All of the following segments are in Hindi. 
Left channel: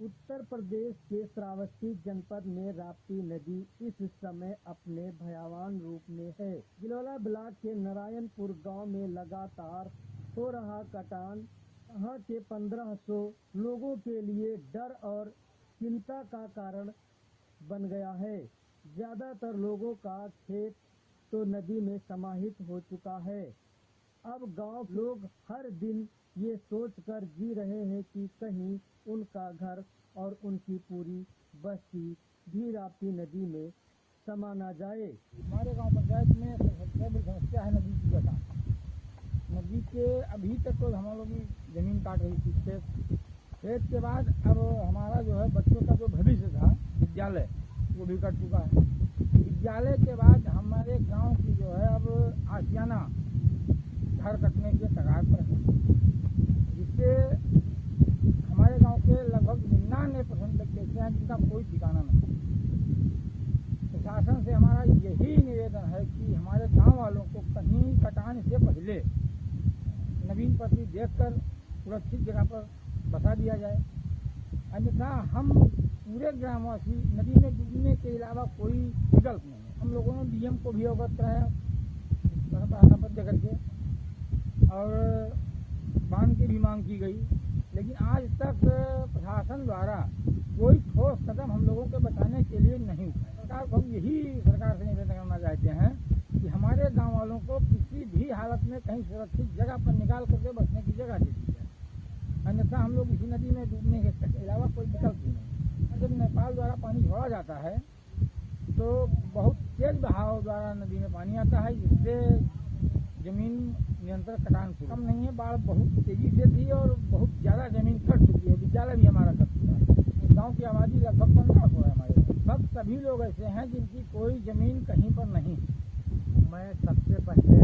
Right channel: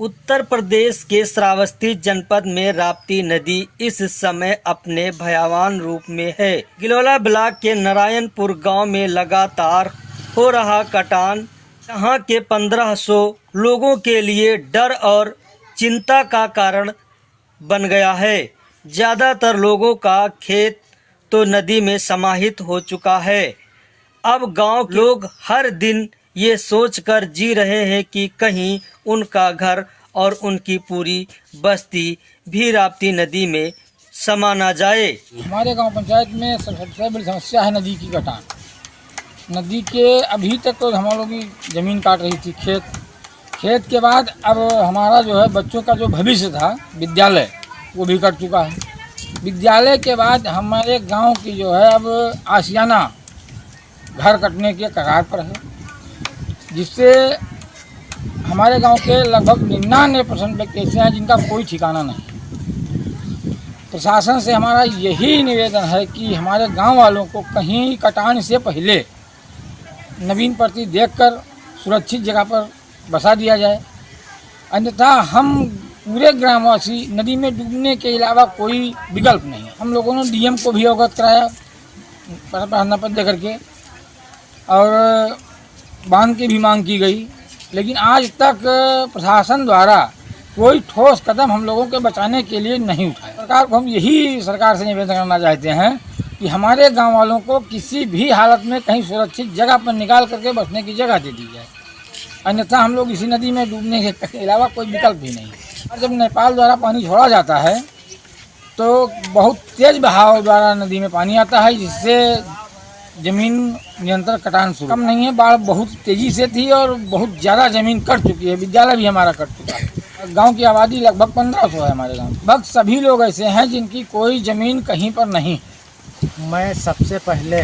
उत्तर प्रदेश के श्रावस्ती जनपद में राप्ती नदी इस समय अपने भयावह रूप में है। गिलोला ब्लॉक के नारायणपुर गांव में लगातार हो रहा कटान यहाँ के 1500 लोगों के लिए डर और चिंता का कारण बन गया है। ज़्यादातर लोगों का खेत तो नदी में समाहित हो चुका है। अब गांव के लोग हर दिन ये सोचकर जी रहे हैं कि कहीं उनका घर और उनकी पूरी बस्ती भी राप्ती नदी में समा ना जाए। हमारे गांव पंचायत में सबसे बड़ी समस्या है नदी की कटान। नदी के अभी तक तो हम लोगों की ज़मीन काट रही थी, खेत के बाद अब हमारा जो है बच्चों का जो भविष्य था विद्यालय वो भी कट चुका है। विद्यालय के बाद हमारे गांव की जो है अब आशियाना घर कटने के कगार पर है, जिससे हमारे गांव के लगभग 99% व्यक्ति ऐसे हैं जिनका कोई ठिकाना नहीं। प्रशासन से हमारा यही निवेदन है कि हमारे गांव वालों को कहीं कटान से पहले नवीन प्रति देखकर सुरक्षित जगह पर बसा दिया जाए, अन्यथा हम पूरे ग्रामवासी नदी में डूबने के अलावा कोई विकल्प नहीं है। हम लोगों ने डीएम को भी अवगत कराया प्रार्थना पत्र देकर के और बांध की भी मांग की गई, लेकिन आज तक प्रशासन द्वारा कोई ठोस कदम हम लोगों के बचाने के लिए नहीं उठाया। सरकार को हम यही सरकार से निवेदन करना चाहते हैं कि हमारे गांव वालों को किसी भी हालत में कहीं सुरक्षित जगह पर निकाल करके बसने की जगह दे दी जाए, अन्यथा हम लोग इसी नदी में डूबने के अलावा कोई विकल्प भी नहीं। और जब नेपाल द्वारा पानी छोड़ा जाता है तो बहुत तेज़ बहाव द्वारा नदी में पानी आता है, जिससे ज़मीन निरंतर कटान शुरू कम नहीं है। बाढ़ बहुत तेज़ी से थी और बहुत ज़्यादा ज़मीन कट चुकी है। विद्यालय भी हमारा कट चुका है। गांव की आबादी लगभग 1500 है हमारे गांव। लगभग सभी लोग ऐसे हैं जिनकी कोई ज़मीन कहीं पर नहीं। मैं सबसे पहले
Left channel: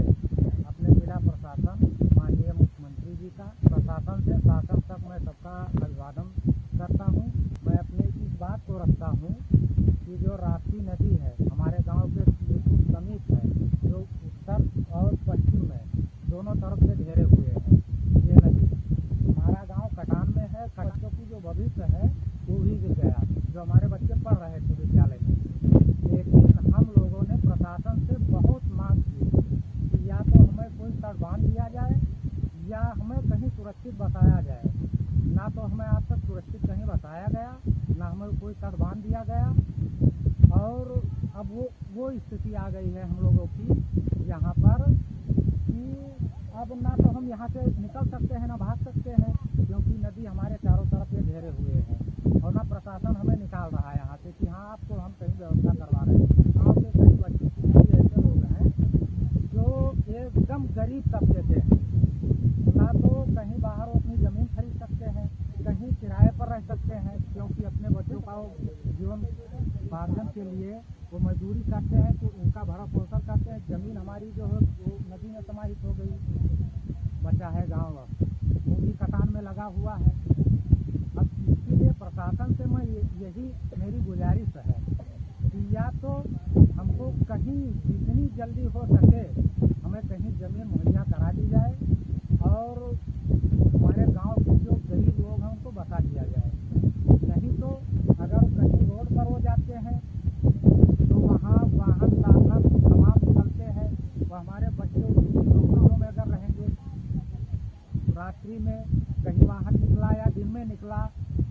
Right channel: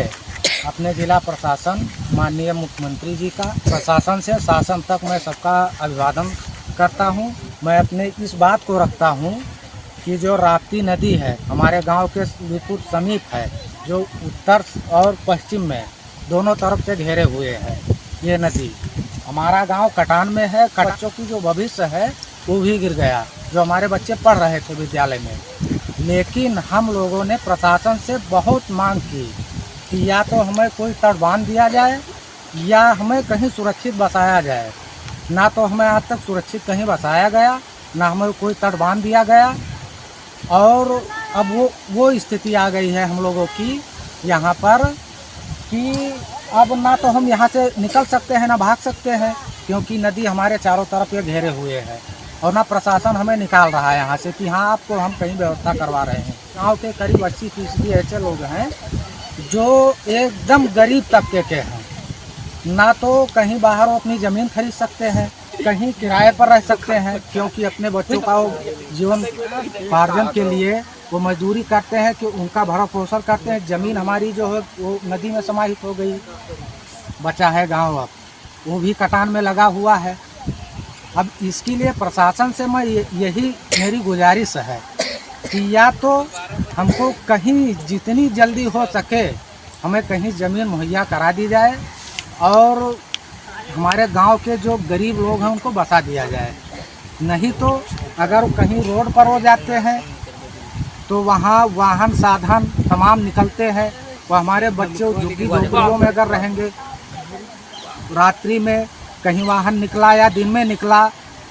अपने जिला प्रशासन माननीय मुख्यमंत्री जी का प्रशासन से शासन तक मैं सबका अभिवादन करता हूं। मैं अपने इस बात को रखता हूं कि जो राप्ती नदी है हमारे गांव के बिल्कुल समीप है, जो उत्तर और पश्चिम में दोनों तरफ से घेरे हुए है। ये नदी हमारा गांव कटान में है। बच्चों की जो भविष्य है वो भी गिर गया, जो हमारे बच्चे पढ़ रहे थे विद्यालय में। लेकिन हम लोगों ने प्रशासन से बहुत मांग की कि या तो हमें कोई तट बांध दिया जाए या हमें कहीं सुरक्षित बसाया जाए। ना तो हमें आज तक सुरक्षित कहीं बसाया गया, ना हमें कोई तट बांध दिया गया। और अब वो स्थिति आ गई है हम लोगों की यहाँ पर कि अब ना तो हम यहाँ से निकल सकते हैं ना भाग सकते हैं, क्योंकि नदी हमारे चारों तरफ ये घेरे हुए है। और ना प्रशासन हमें निकाल रहा है यहाँ से कि हाँ आपको हम कहीं व्यवस्था करवा रहे हैं। गाँव के करीब 80% ऐसे लोग हैं जो एकदम गरीब तबके के हैं। ना तो कहीं बाहर वो अपनी ज़मीन खरीद सकते हैं, कहीं किराए पर रह सकते हैं, क्योंकि अपने बच्चों का जीवन पार्जन के लिए वो मजदूरी करते हैं कि उनका भरण पोषण करते हैं। ज़मीन हमारी जो है वो नदी में समाहित हो गई, बचा है गांव अब वो भी कटान में लगा हुआ है। अब इसके लिए प्रशासन से मैं यही मेरी गुजारिश है कि या तो हमको कहीं जितनी जल्दी हो सके हमें कहीं ज़मीन मुहैया करा दी जाए और हमारे गांव के जो गरीब लोग हैं उनको बसा दिया जाए। नहीं तो अगर कहीं रोड पर हो जाते हैं तो वहाँ वाहन साधन तमाम निकलते हैं। वो हमारे बच्चे झुग्गियों में अगर रहेंगे, रात्रि में कहीं वाहन निकला या दिन में निकला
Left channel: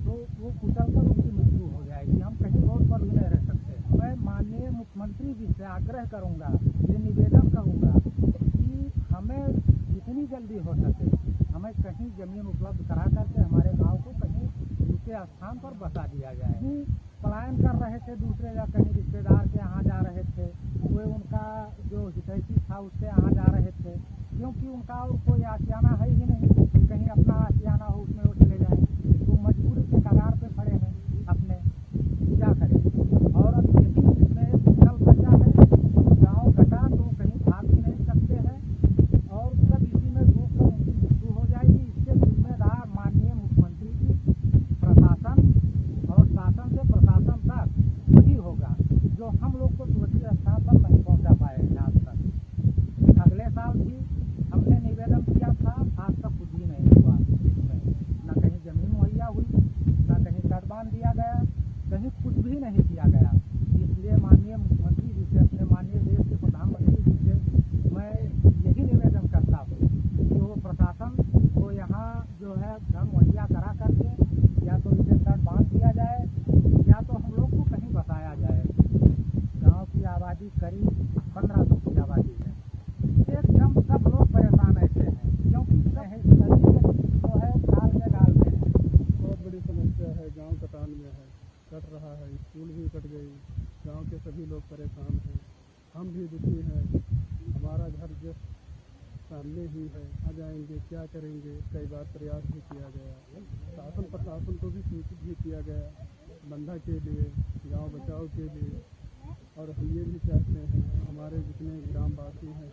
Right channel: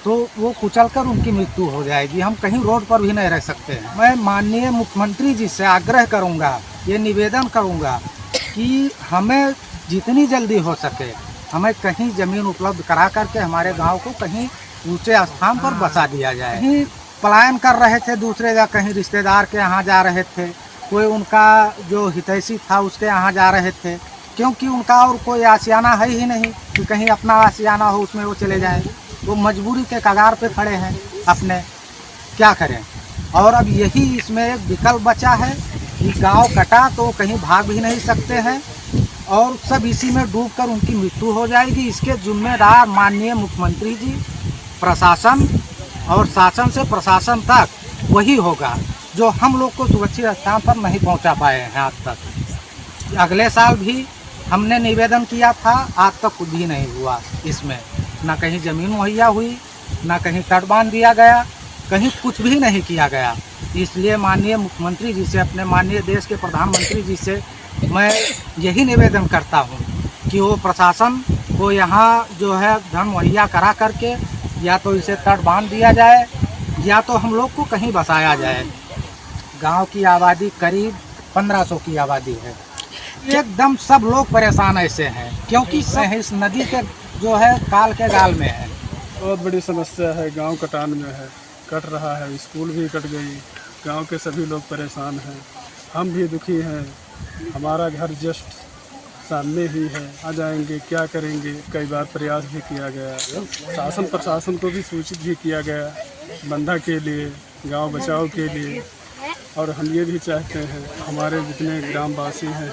तो वो कुचलकर उनकी मृत्यु हो जाएगी। हम कहीं रोड पर भी नहीं रह सकते हैं। मैं माननीय मुख्यमंत्री जी से आग्रह करूँगा, ये निवेदन करूँगा कि हमें जितनी जल्दी हो सके हमें कहीं ज़मीन उपलब्ध करा करके हमारे गांव को कहीं ऊंचे स्थान पर बसा दिया जाए। कहीं पलायन कर रहे थे दूसरे या कहीं रिश्तेदार के यहाँ जा रहे थे, कोई उनका जो हितैषी था उसके यहाँ जा रहे थे, क्योंकि उनका और कोई आशियाना है ही नहीं कि कहीं अपना आशियाना हो उसमें वो चले जाएँ। वो मजबूरी के कगार पे खड़े हैं, अपने क्या करें। और अब यही इसमें एक विकल्प बचा है कि गाँव कटा तो कहीं भाग भी नहीं सकते हैं और सब इसी में डूबकर उनकी मृत्यु हो जाएगी। इसके जिम्मेदार माननीय मुख्यमंत्री जी, प्रशासन और शासन से प्रशासन तक वही होगा जो हम लोग को सुरक्षित स्थान पर नहीं पहुंचा पाए हैं आज तक। अगले साल भी हमने निवेदन किया था, आज तक कुछ भी नहीं हुआ। इसमें ना कहीं ज़मीन मुहैया हुई, ना कहीं तटबांध दिया गया, कहीं कुछ भी नहीं किया गया। इसलिए माननीय मुख्यमंत्री जी से, अपने माननीय देश के प्रधानमंत्री जी से मैं यही निवेदन करता हूँ कि वो प्रशासन को यहाँ जो है धन मुहैया करा करके या तो इसे तटबांध दिया जाए या तो हम लोग को कहीं बसाया जाए। गांव की आबादी करीब 1500 की आबादी है। एकदम सब लोग परेशान ऐसे हैं क्योंकि इस नदी के जो है काल के गाल में है। बहुत बड़ी समस्या है, गांव कटान में है, कट रहा है, स्कूल भी कट गई, गांव के सभी लोग परेशान हैं, हम भी दुखी हैं। हमारा घर जस्ट सामने ही है, आ जाएंगे क्या करेंगे। कई बार प्रयास भी किया गया, शासन प्रशासन को भी सूचित भी किया गया बंधा के लिए, गांव बचाव के लिए। और हम ये भी चाहते हैं, हमारे जितने ग्रामवासी हैं,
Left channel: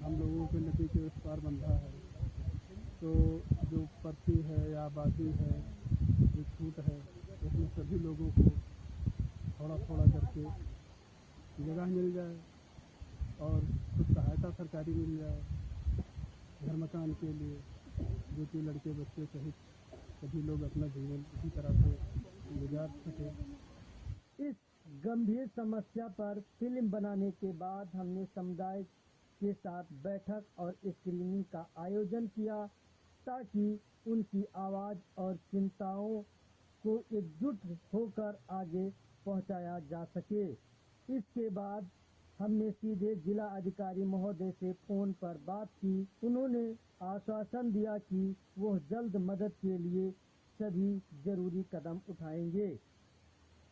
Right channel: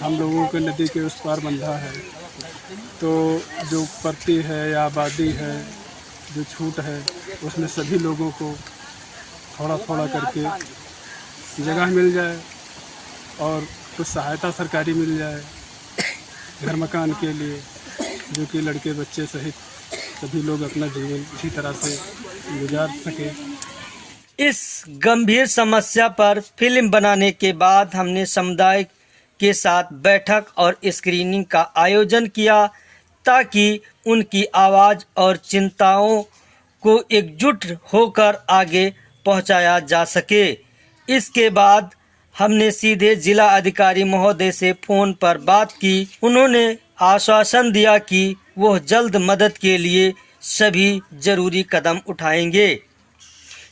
हम लोगों के नदी के उस पार बंधा है, तो जो पत्ती है या आबादी है, जो छूट है, उसमें सभी लोगों को थोड़ा थोड़ा करके जगह मिल जाए और कुछ सहायता सरकारी मिल जाए घर मकान के लिए, जो कि लड़के बच्चे सहित सभी लोग अपना जीवन इसी तरह से गुजार सकें। इस गंभीर समस्या पर फिल्म बनाने के बाद हमने समुदाय के साथ बैठक और स्क्रीनिंग का आयोजन किया ताकि उनकी आवाज़ और चिंताओं को एकजुट होकर आगे पहुंचाया जा सके। इसके बाद हमने सीधे जिला अधिकारी महोदय से फ़ोन पर बात की। उन्होंने आश्वासन दिया कि वह जल्द मदद के लिए सभी जरूरी कदम उठाएंगे।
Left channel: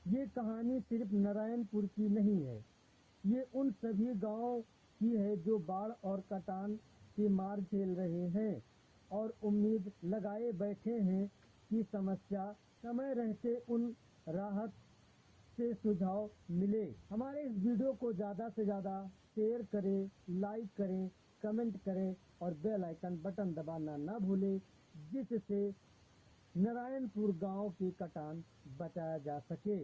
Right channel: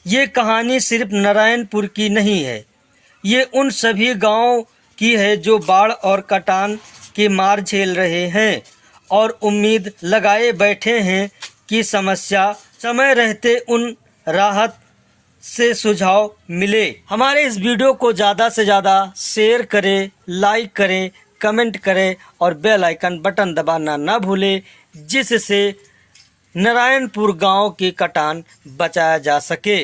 ये कहानी सिर्फ नारायणपुर की नहीं है, ये उन सभी गांवों की है जो बाढ़ और कटान के मार झेल रहे हैं और उम्मीद लगाए बैठे हैं कि समस्या समय रहते उन राहत से सुझाव मिले। हमारे इस वीडियो को ज़्यादा से ज़्यादा शेयर करें, लाइक करें, कमेंट करें और बेल आइकन बटन दबाना ना भूलें, जिससे नारायणपुर गांव की कटान बचाया जा सके।